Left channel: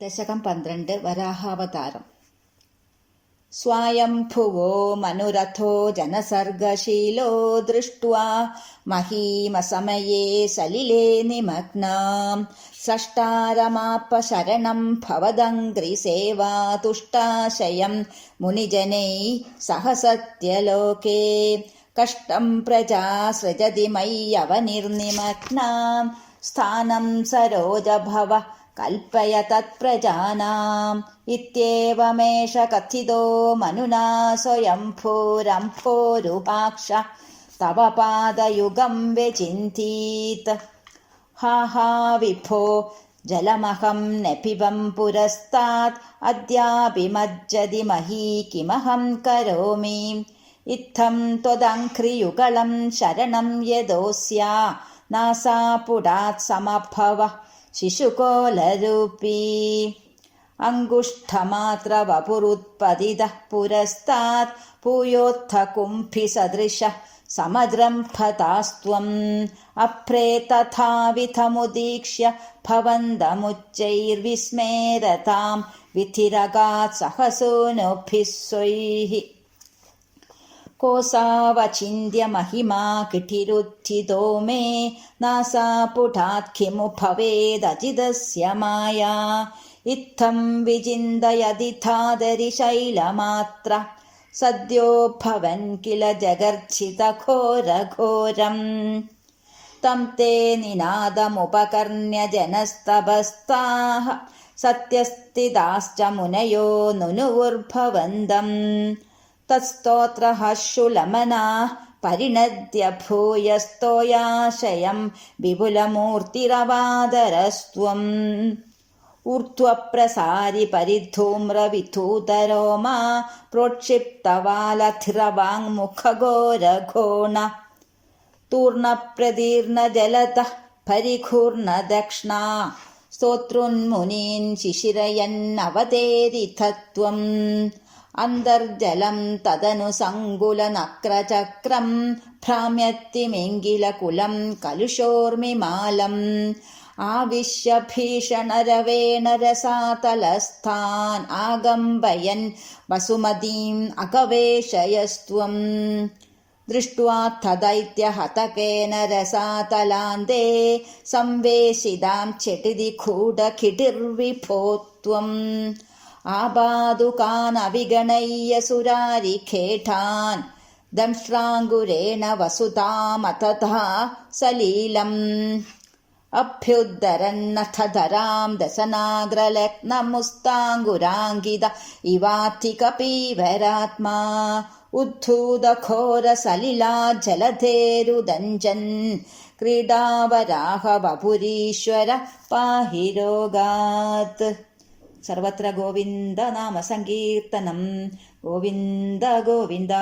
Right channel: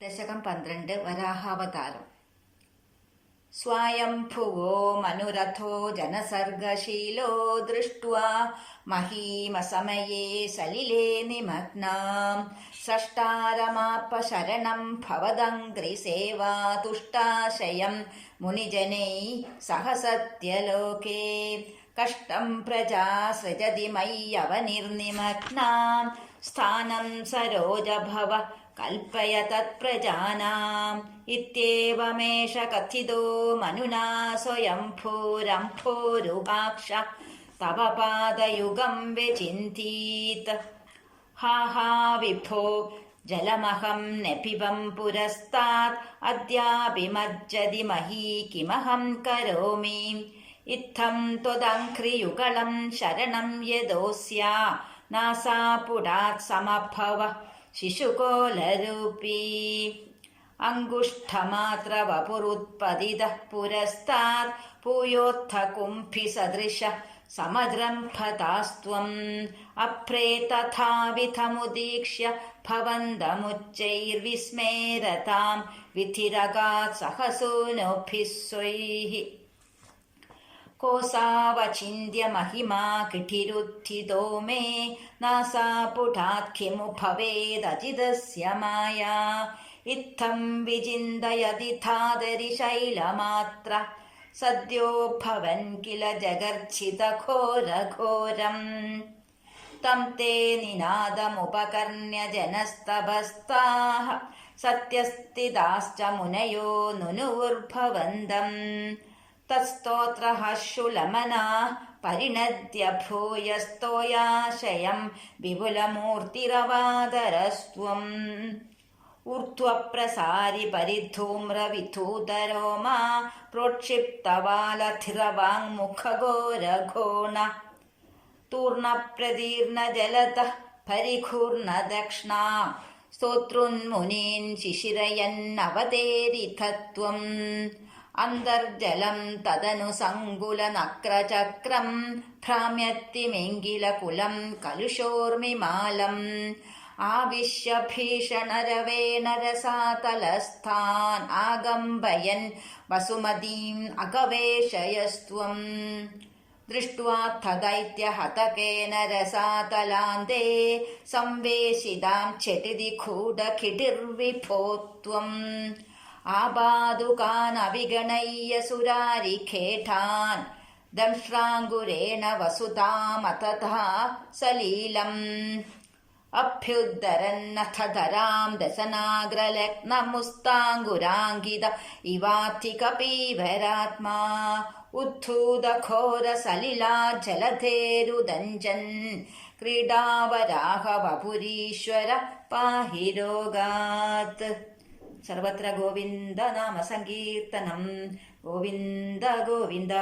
ദശകം 12 വരാഹാവതാരം. സ്വയംഭുവോ മനുരഥോ ജനസർഗശീലോ ദൃഷ്ട്വാ മഹീമസമയേ സലിലേ നിമഗ്നാം സഷ്ടാരമാപ്പ ശരണം ഭവദംഘ്രിസേവാ തുഷ്ടാശയം മുനിജനൈ സഹ സത്യലോകേ കഷ്ടം പ്രജാ സൃജതി മയ്യവനിർനിമഗ്നാം സ്ഥാനം സരോജഭവ കൽപ്പയ തത്പ്രജാനാം ഇത്യേവമേഷ കഥിതോ മനുനാ സ്വയംഭൂരംഭോരുപാക്ഷ തവ പാദയുഗം വ്യചിന്തീത്. ഹാ ഹാ വിഭോ ജലമഹം നപിബം പുരസ്താത് അദ്യാപി മജ്ജതി മഹീ കിമഹം കരോമി ഇത്തം ത്വദംഘ്രിയുഗളം ശരണം യദോസ്യാ നാസാപുടാത് സമഭവ ശിശുകോലരൂപീ അങ്കുഷ്ഠമാത്ര വപുരുത്പതിതഃ പുരസ്താത് പൂയോത്ഥ കുംഭിസദൃശ സമദ്രംഭതാസ്ത്വം അപ്രേ തഥാവിധമുദീക്ഷ്യ ഭവന്തമുച്ചൈർവിസ്മേരതാം വിധിരകാത് സഹസൂനുഭിः സ്വൈः കോസാവചിന്യ മഹിമാ കിഠിരുത്ഥിതോ മേ നാസാപുടാത് കിമു ഭവേദജിതസ്യ മായാ ഇത്തം വിചിന്തയതിഥാദരി ശൈലമാത്ര സദ്യോ ഭവൻ കില ജഗർച്ഛിതഘോരഘോരം തം തേ നിനാദമുപകർണ്യ ജനസ്തപസ്താഃ സത്യസ്ഥിതാശ്ച മുനയോ നുനുവുർഭവന്തം തത്സ്തോത്രഹർഷുലമനാഃ പരിണദ്യ ഭൂയസ്തോയാശയം വിപുലമൂർത്തിരവാദരസ്ത്വം ഊർധ്വപ്രസാരി പരിധൂമ്രവിധൂതരോമാ പ്രോക്ഷിപ്തവാലധിരവാങ്മുഖഘോരഘോണ തൂർണപ്രദീർണജലതഃ പരിഘൂർണദക്ഷ്ണാ സ്തോതൃന്മുനീൻ ശിശിരയന്നവതേരിഥത്വം അന്തർജലം തദനു സങ്കുലനക്രചക്രം ഭ്രാമ്യത്തിമിംഗിലകുലം കലുഷോർമിമാലം ആവിശ്യ ഭീഷണരവേണ രസാതലസ്ഥാൻ ആകമ്പയൻ വസുമതീം അകവേശയസ്ത്വം ദൃഷ്ട്വാ തദൈത്യഹതകേന രസാതലാന്തേ സംവേശിതാം ചെടിതി ഖൂഢകിടിർവിഭോത്വം ആപാദുകാനവിഗണയ്യ സുരാരിഖേഠാൻ ദംഷ്ട്രാങ്കുരേണ വസുതാമതഥാ സലീലം അഭ്യുദ്ധരന്നഥധരാം ദശനാഗ്രലഗ്നമുസ്താങ്കുരാങ്കിത ഇവാത്തികപീവരാത്മാ ഉദ്ധൂതഘോരസലിലാ ജലധേരുദഞ്ചൻ ക്രീഡാവരാഹ വപുരീശ്വര പാഹി രോഗാത്. സർവത്ര ഗോവിന്ദ നാമ സങ്കീർത്തനം. ഗോവിന്ദ ഗോവിന്ദ.